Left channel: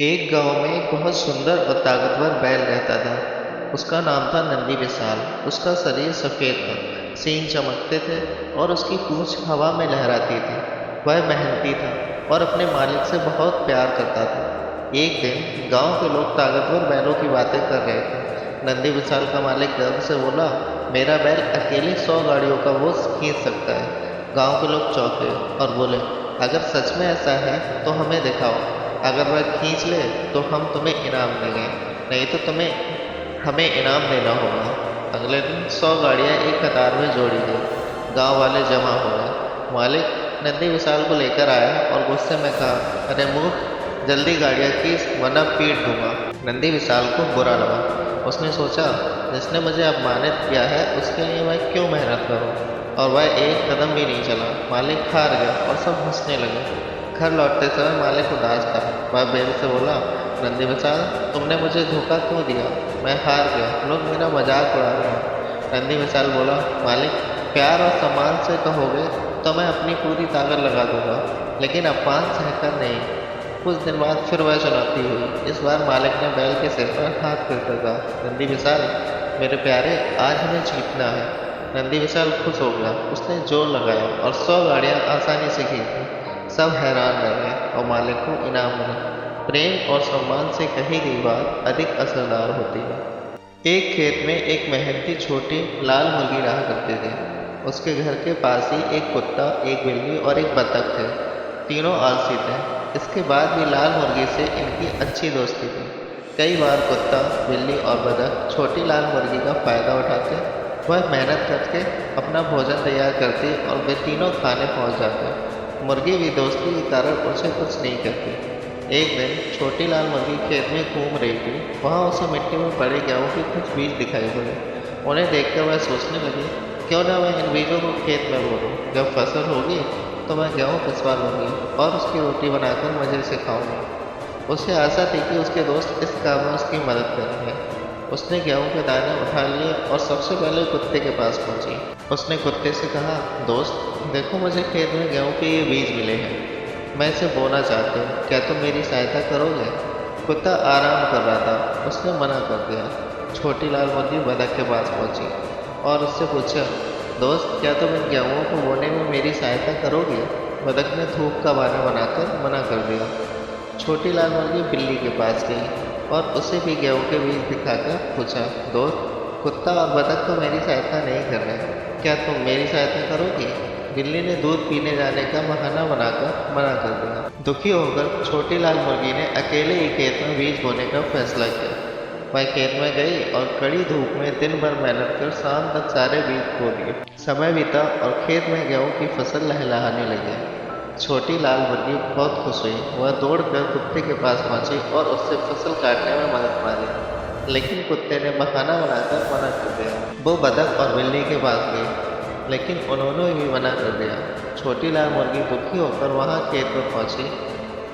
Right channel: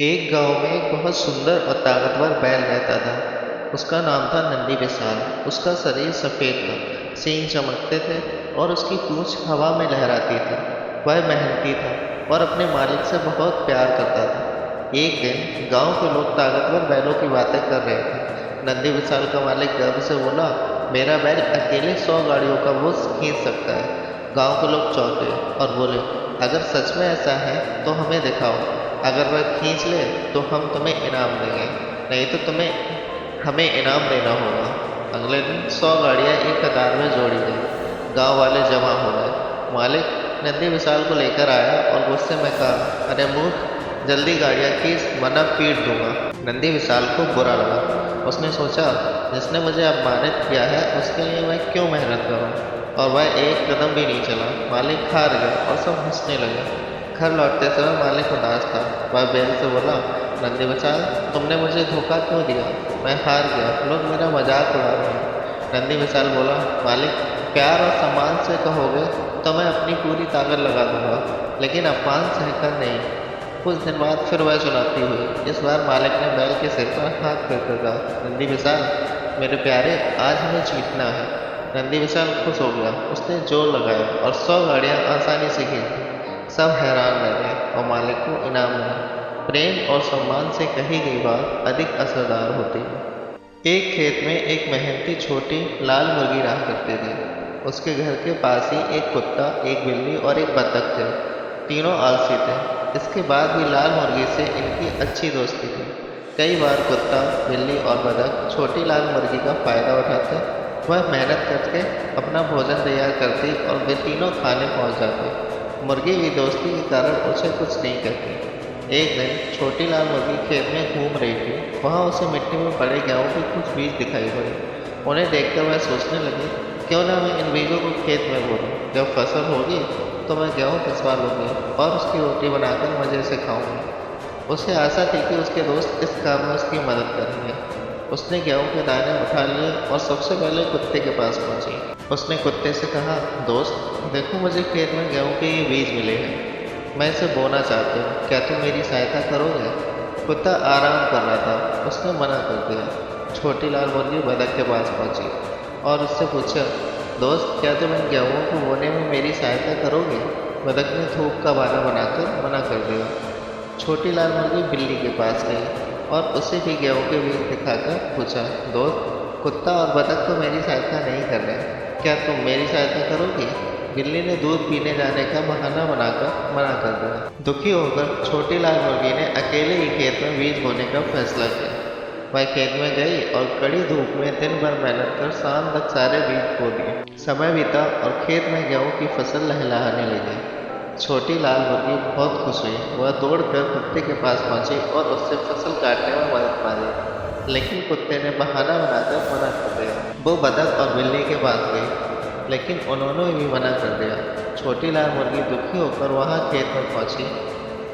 एक गांव में एक बहुत सुंदर और ताकतवर बैल रहता था। उसका नाम था नंदी विशाल। उसका शरीर सफेद था, सींग चमकते थे और उसकी पूंछ हवा में लहराती थी। वह मेहनती था और अपने मालिक से बहुत प्यार करता था। एक दिन गांव के लोग ताकतवर बैलों की बातें कर रहे थे। नंदी विशाल का मालिक गर्व से बोला, मेरा बैल अकेले 100 गाड़ियों का बोझ खींच सकता है। गांव के लोग चौंके और बोले, अगर सच में ऐसा है तो हमें दिखाओ। अगर वह खींच ले तो हम तुम्हें इनाम देंगे, नहीं तो तुम्हें हमें इनाम देना होगा। अगले दिन 100 गाड़ियां एक कतार में जोड़ी गई। गांव वाले जमा हो गए। मालिक नंदी विशाल को लेकर आया और गुस्से में कहा, अरे मूर्ख, जल्दी गाड़ियां खींच वरना पीट दूंगा। नंदी विशाल को बुरा लगा। उसने सोचा, जिसने मुझे अपमानित किया है उसके लिए मैं क्यों मेहनत करूं। और वह एक कदम भी नहीं चला। मालिक हार गया और सब हंसने लगे। घर लौटते समय मालिक उदास था। वह बैल से बोला, नंदी विशाल, तुमने मुझे धोखा क्यों दिया। मैं हार गया, लोग मेरा मजाक उड़ा रहे हैं। नंदी विशाल बोला, मालिक, प्यार और सम्मान से कहोगे तो मैं अपनी पूरी ताकत लगा दूंगा, लेकिन अपमान सहकर नहीं। कुछ दिन बाद फिर वह चुनौती हुई। इस बार मालिक ने बैल के सिर पर हाथ फेर कर कहा, नंदी विशाल, मेरे प्यारे, आज हमें जीतना है। नंदी विशाल खुश हो गया। उसने जोर लगाया और 100 गाड़ियां आसानी से खींची। सब हैरान रह गए और मालिक को इनाम मिला। प्रेम और सम्मान से कही गई बात अधिक असरदार होती है। एक खेत में एक मेहनती छोटी लाल मुर्गी रहा करती थी। उसके घर के पास ही एक कुत्ता, एक बिल्ली और एक बतख थे। तीनों आलसी थे। इसके बाद भी लाल मुर्गी से इनकी अच्छी दोस्ती थी। कई बार कुत्ता, बिल्ली और बतख छोटी लाल मुर्गी का फायदा उठाते। वह मेहनत करके अपना भोजन तैयार करती और वे तीनों खाने पहुंच जाते। मुर्गी भी दोस्ती के कारण उसे कुछ नहीं कहती। एक दिन छोटी लाल मुर्गी खेत में घूम रही थी। वहां उसे मिट्टी में पड़े गेहूं के कुछ बीज दिखाई पड़े। उन्हें देखकर वह सोचने लगी, क्यों ना मैं इन बीजों को खेत में बो दूं। जब फसल होगी तो मैं गेहूं पिसवा लूंगी और उसकी रोटी बनाकर मजे से खाऊंगी। उसे आशा थी कि उसके दोस्त इस काम में उसकी मदद करेंगे। उसने गेहूं के दाने उठा लिए और सबसे पहले कुत्ते के पास पहुंची। उसने कुत्ते से कहा, दोस्त, देखो, मुझे खेत में गेहूं के ये बीज मिले हैं। मैं इसे बोना चाहती हूँ, क्या तुम मेरी सहायता करोगे। कुत्ता आराम कर रहा था। उसने मना कर दिया। छोटी लाल मुर्गी बतख के पास पहुंची और उससे पूछा, दोस्त, क्या तुम इन गेहूं को बोने में मेरी सहायता करोगे। बतख ने धूप का बहाना बनाकर मना कर दिया। छोटी लाल मुर्गी बिल्ली के पास गई और उसे भी गेहूं के बीज दिखाकर पूछा, दोस्त, कुत्ता और बतख तो मेरी सहायता नहीं कर रहे, क्या तुम मेरी सहायता करोगी। बिल्ली ने दूध पीने जाने का बहाना बनाकर मना कर दिया। दुखी होकर छोटी लाल मुर्गी ने अकेले ही खेत में बीज बोने का फैसला किया। वह खेत में गई और कड़ी धूप में दिन भर मेहनत कर शाम तक सारे बीज बो दिए। समय बीता और खेत में गेहूं की फसल लहलहाने लगी। छोटी लाल मुर्गी बहुत खुश हुई। वह दौड़कर कुत्ते के पास पहुंची और उससे फसल काटने में मदद मांगी, लेकिन कुत्ते ने बहाना बनाकर मना कर दिया। वो बतख और बिल्ली के पास गई, लेकिन उन्होंने भी मना कर दिया। छोटी लाल मुर्गी दुखी होकर वहां खेत में पहुंची।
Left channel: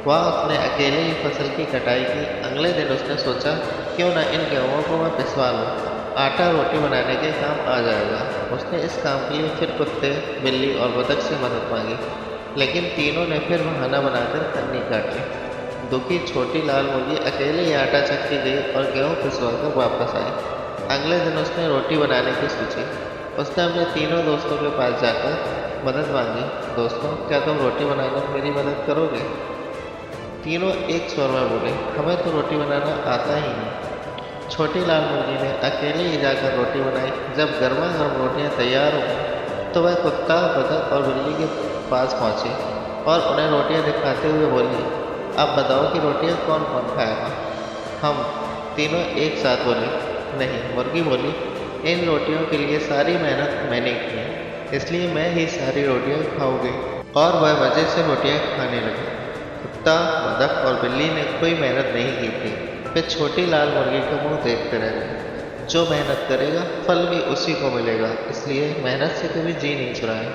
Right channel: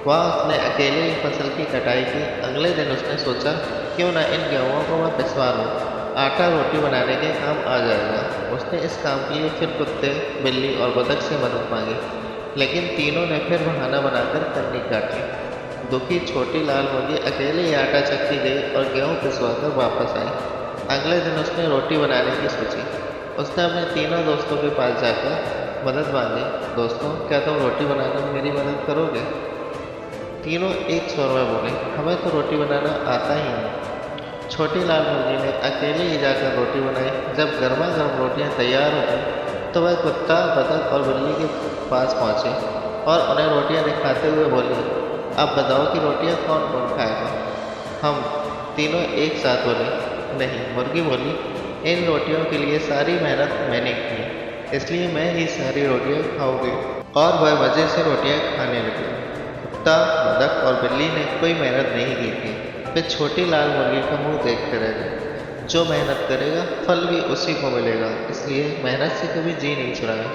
वहां उसने अकेले ही फसल की कटाई की। अगले दिन उसने सोचा, क्यों ना इन गेहूं को मैं पिसवा लूं, आटा रोटी बनाने के काम आ जाएगा। उसने इस काम के लिए फिर कुत्ते, बिल्ली और बतख से मदद मांगी, लेकिन तीनों ने फिर बहाना बनाकर कन्नी काट ली। दुखी छोटी लाल मुर्गी अकेले ही आटा चक्की गई और गेहूं पिसवाकर वापस आई। अगले दिन उसने रोटी बनाने की सोची। उसने अपने तीनों दोस्तों के पास जाकर मदद मांगी, दोस्तों, क्या तुम रोटी बनाने में मेरी मदद करोगे। तीनों एक स्वर में बोले, हमें तो रोटी बनाना आता ही नहीं। छोटी लाल मुर्गी ने अकेले ही जाकर रोटी बनाई। जब गर्मा गर्म रोटियां तैयार हो गई तो वह कुत्ता, बतख और बिल्ली के पास पहुंची और उन्हें रोटियां दिखाते हुए बोली, अब बताओ कि रोटियां कौन कौन खाएगा। हम तीनों एक साथ बोले, नहीं। मुर्गी बोली, इन रोटियों के लिए सारी मेहनत मैंने की है, इसलिए मैं ही सारी रोटियां खाऊंगी। और वह मज़े से रोटियां खाने लगे। कुत्ता, बतख और बिल्ली ने कोई मेहनत नहीं की थी। वे छोटी लाल मुर्गी का मुंह देखते रह गए। जो मेहनत करेगा फल भी उसी को मिलेगा, इसलिए मेहनत से कभी जी नहीं चुराएं।